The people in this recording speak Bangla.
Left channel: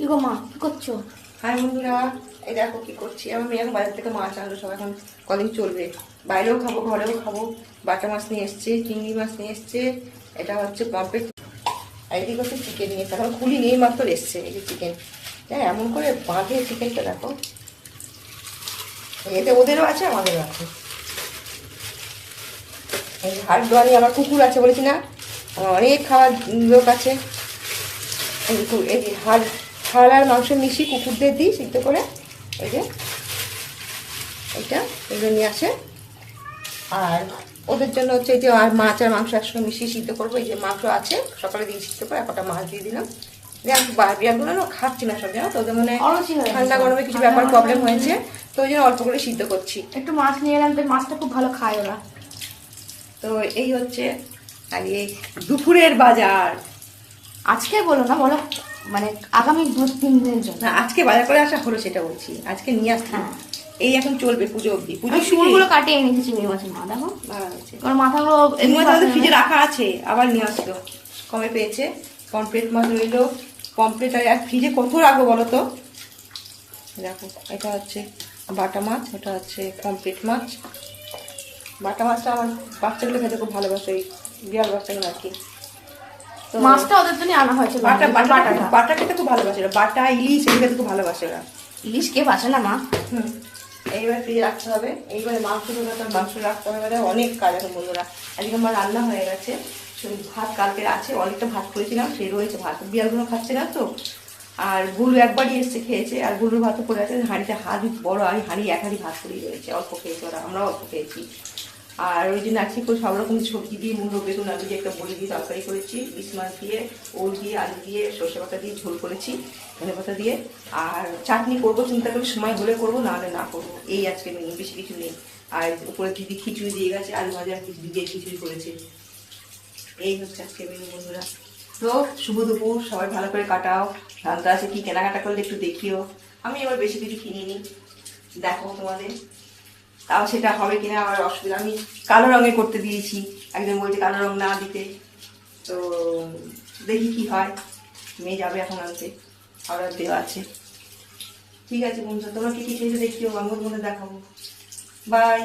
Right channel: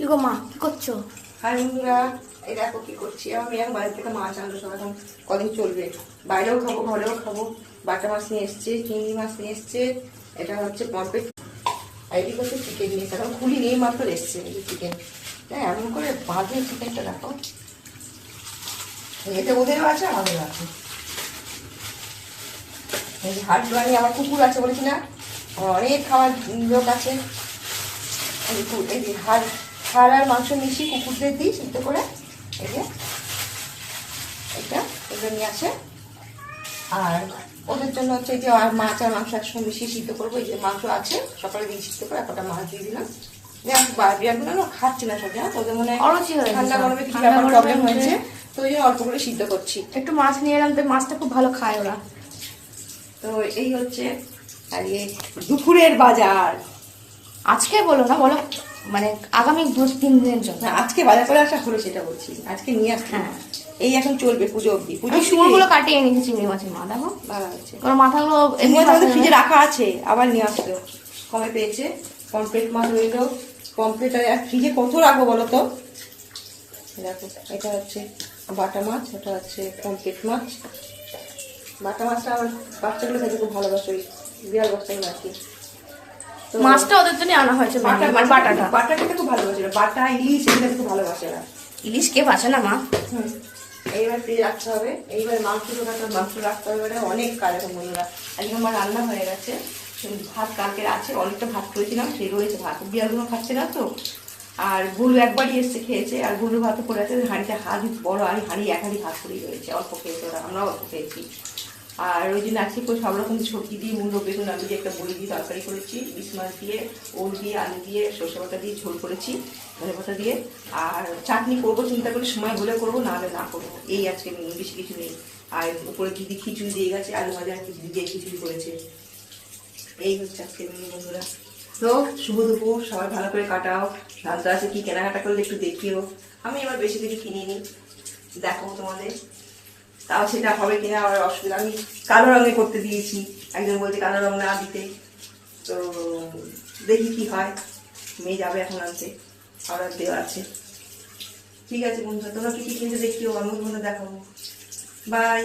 কি গো মা, কি করছো? হ্যাঁ বন্ধুরা, এই দেখো কি করছি। আমি এখন বাজার থেকে মাছ আনলো, সব এখন কদিন চলবে, বাইরেও খাবো ঘরেও খাবো। বাটা মাছ নিয়ে এসছে, চিংড়ি মাছ নিয়ে এসছে, এটা হচ্ছে পম্পেট, আর এটি হচ্ছে চিকেন নিয়ে এসছে। এখন খুলি নিয়ে মাত্র এসছে এই যে চিকেন। হ্যাঁ, এমন করে বাঁধে চিকেনটা দেখো, এতে ওদেরও আছে আমাদেরও আছে। হাট দোয়ানি আমার কুকুর আছে বলেছি না, আমার অনেক খাবার লোক আছে। এই যে হাড় আর মাংস মিশিয়ে কুকুরদের দিই সিদ্ধ করে। এই যে এটা এগুলো নিয়ে আসে, আর ওদের জন্য হচ্ছে এই যে আর মাছ আর মাংস একসঙ্গে মিশিয়ে সিদ্ধ করবো। এই যে মাংস আছে, সকালে দিয়ে সিদ্ধ করে একটা মাছ দিয়ে দিলাম। বিয়াগুলো না খাচ্ছি না সব, জানো তো, ওদের মনে ঠান্ডা গরমে কিছু ব্যাপার প্রবলেম হয়েছে, তো ওই জন্য অল্প করে সিদ্ধ করছি। একটু মাছ নিয়ে এলাম, তো মাছটা খুব ভালো খায় ওরা। তো এই হচ্ছে আর এই দুপুরের বাজার। আজকে বলো না, বলো মানে আগামী 2-3 দিনের জন্য। না, আজকে বাজার করে আসা হলো সেটা বলছি, আজকে নিয়ে আসছি। হ্যাঁ, এই এখন চলবে পুজো অব্দি। পুজো শুঁড়গুলো কাটিয়ে এনেছি চিংড়ি মাছের, মা দেখো ভালো হয়েছে। ওর মাথাগুলো ফ্রিজে রাখা আছে, আবার নিয়ে আসলো, কমে পেয়েছে। পমফ্রেট মাছ রইলো, পমফ্রেট আর ফ্রিজে কত রাখবো বলো তো। দেখো, এটা হচ্ছে বাটা মাছ, ওটা হচ্ছে পমফ্রেট মাছ। বাটা মাছটা আমার বাচ্চাগুলো খেতে খুব ভালোবাসে, ওই বিড়াল বাচ্চাগুলো আর কি। মাছটা ওদের জন্য আনা হয়েছে, বাটা খেতে খুব ভালোবাসে ওরা, বাটা ইলিশ এগুলো খেতে খুব ভালোবাসে ওরা। ইলিশ কে বাসে না মা। এইবার ফ্রিজে রাখতে হবে। এইবার মাংস রাখতে হবে, মানে অনেক কাজ এখন বন্ধুরা। আজকে আমার রান্না হয়ে গেছে, ভাত কালকের আছে, অনেকটা ভাত করেছিলাম, সে রয়েছে ভাত। বিড়ালগুলো খাচ্ছে না তো, আর গুলু একবারই এসছে খেয়েছে, আর গুলুর ভাতও পড়ে আছে। হাঁড়িতে হাঁড়ি বড়, আমি হাঁড়ি এক হাঁড়ি ভাত করেই রয়েছে, অল্প খেয়েছে ওরা, আমরা অল্প খেয়েছি। আর ওই দিন আজকে করে সব রকম সবজি দিয়ে, মূল্য বেগুন আমি যে একটা বড়ি দিয়ে তরকারি করেছি, ইলিশ মাছ দিয়ে, ওল দিয়ে, আলু দিয়ে, সর্ষে পাতা দিয়ে ঝোল করেছি, ধনে পাতা দিয়ে। আর চাটনি করবো, চিন্তা করি সময় হলে করবো, না হলে না করবো। এই আজকে মেনু, বেশি কিছু নেই। আর উপরে দিদি খিচুড়ি দিয়ে গেছে, আলু ভাজা দিয়ে খিচুড়ি করেছে। এই হচ্ছে আজকে মেনু বন্ধুরা। তো শুভ দুপুর, সবাই ভালো করে কাটাও। শান্ত আছে, কি কেনাকাটা করলে একটু দেখিও। আমি এবার বেশি কিছু কিনিনি, দেখো তোমাদের, তাও সেটা হবে কিনা আমার অসুবিধা। আমি কালো রঙের করতে দিয়েছি, একজন বলছে কালো রঙ না দিতে, তো দেখি কি হয়। মেয়ে যাবে এখন আনতে, অর্ডার দেওয়া আছে। ঠিক আছে বন্ধু, তোমরা কি কি খেয়েছে দেখিও, আমার মনে দেখাবো। বাই।